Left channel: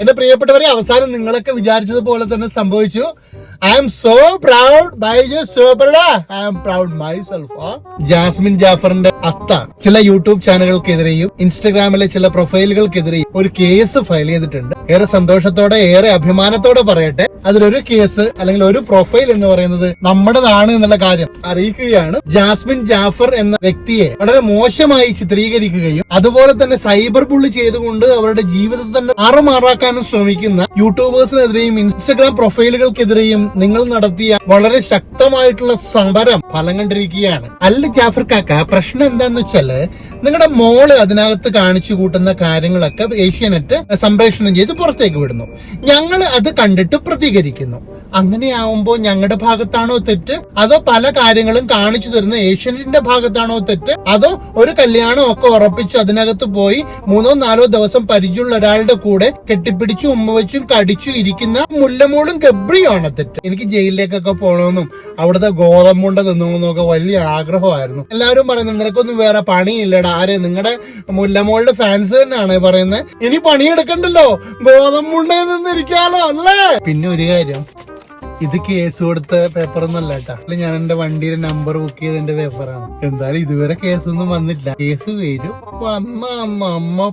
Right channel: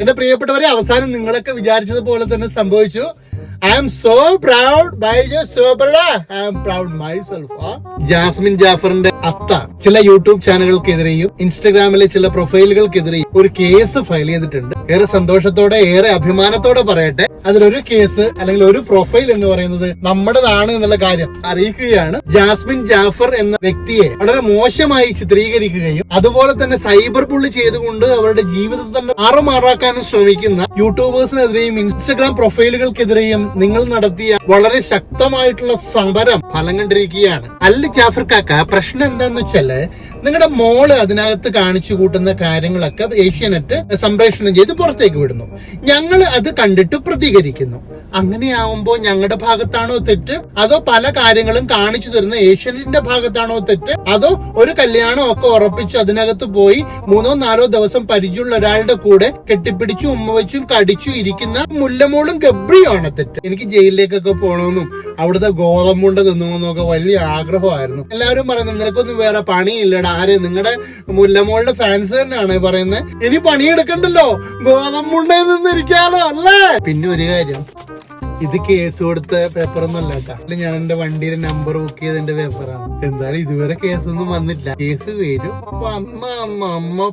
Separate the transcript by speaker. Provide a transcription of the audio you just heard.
Speaker 1: എന്റെ പ്രിയപ്പെട്ടവരെ അവസാനം നിങ്ങളൊക്കെ വിചാരിച്ചതുപോലെ തന്നെ സംഭവിച്ചു. I am so proud by സൂപ്പർഡാ I am proud myself Jasmine ജാഫറിന്റെ അത്ത ചില യൂട്യൂബ് ചാനലുകൾക്കെതിരെയും ഇൻസ്റ്റഗ്രാമിലെ ചില പ്രൊഫൈലുകൾക്കെതിരെയും ഒരു കേസ് ഫയൽ ചെയ്തിട്ടുണ്ട്. ഏറെ സന്തോഷത്തോടെ ഏറെ അഭിമാനത്തോടെ പറയട്ടെ. അതിലൊരു കേസ് അല്ലെങ്കിൽ ഒരു പ്രൊഫൈൽ എന്ന് പറയുന്നത് നമ്മുടേതാണ് എന്നുള്ള കാര്യം അറിയിക്കുകയാണ്. ജാസ്മിൻ ജാഫർ എന്ന വ്യക്തിയെ വളരെ മോശമായി ചിത്രീകരിക്കുകയും അതുപോലെ തന്നെ സൈബർ ബുള്ളി ചെയ്തുകൊണ്ട് അവരുടെ ജീവിതത്തെ തന്നെ ആറുമാറാക്കാനും ശ്രമിക്കുന്ന യൂട്യൂബേഴ്സിനെതിരെയും ഇൻസ്റ്റഗ്രാം പ്രൊഫൈലുകൾക്കെതിരെയും നിങ്ങൾ നടത്തിയ വളരെ ശക്തമായിട്ടുള്ള സമരം ഫലം കണ്ടിരിക്കുകയാണ്. അല്ല ജാഫർ കാക്ക പ്രശ്നം എന്താന്ന് വെച്ചാൽ നിങ്ങളുടെ മോൾ അതിനകത്ത് കാണിച്ചു കൂട്ടുന്ന കാര്യങ്ങളൊക്കെ ഏഷ്യാനെറ്റ് സംപ്രേഷണം ചെയ്ത് പുറത്തേക്ക് വിടുന്നു. ഞങ്ങൾ അത് കണ്ടിട്ട് പ്രതികരിക്കുന്നു. അങ്ങനെയാവുമ്പോൾ ഞങ്ങളുടെ ഭാഗത്താണോ തെറ്റ്? അതോ പല കാര്യങ്ങളും കാണിച്ചു തരുന്ന ഏഷ്യനിന്റെ ഭാഗത്താണോ തെറ്റ്? അതോ ഒരു കല്യാണം ഒക്കെ ഉറപ്പിച്ച് അതിനകത്ത് പോയി മൂന്നോ നാലോ ദിവസം പരിചയമുള്ള ഒരാളുടെ കൂടെ കെട്ടിപ്പിടിച്ചു ഉമ്മ വെച്ചും കടിച്ചു ഇരിക്കുന്ന മുല്ലമോളും ഗബ്രിയാണ് തെറ്റ്. എനിക്ക് ജയിലിലേക്കൊക്കെ പോകണമെന്നും അവിടുത്തെ ഗോതമ്പുണ്ട തിന്നുമെന്നൊക്കെ വലിയ ആഗ്രഹമായിരുന്നു. എല്ലാവരും പറയുന്നത് നിനക്കൊന്നും വേറെ പണിയില്ലടാ. ആര് നിങ്ങളുടെ മുല്ലമോളുടെ ഫാൻസ് തന്നെയാണ് പറയുന്നത് ഇനി പണിയെടുക്കണ്ടല്ലോ. ഗോതമ്പുണ്ടയിൽ നിന്നിരിക്കാലോ അല്ലേ? പിന്നെ ഒരു കാര്യം. ഇത് കേസ് കൊടുത്ത പേപ്പർ ഒന്നല്ല കേട്ടാ. ഞാൻ എന്റെ വണ്ടിയുടെ നമ്പർ ബുക്ക് ചെയ്ത എന്റെ പേപ്പറാണ് എന്തായാലും ഇതുവരെ കേസൊന്നും വന്നില്ല. കേസ് വരും. വന്ന അമ്മ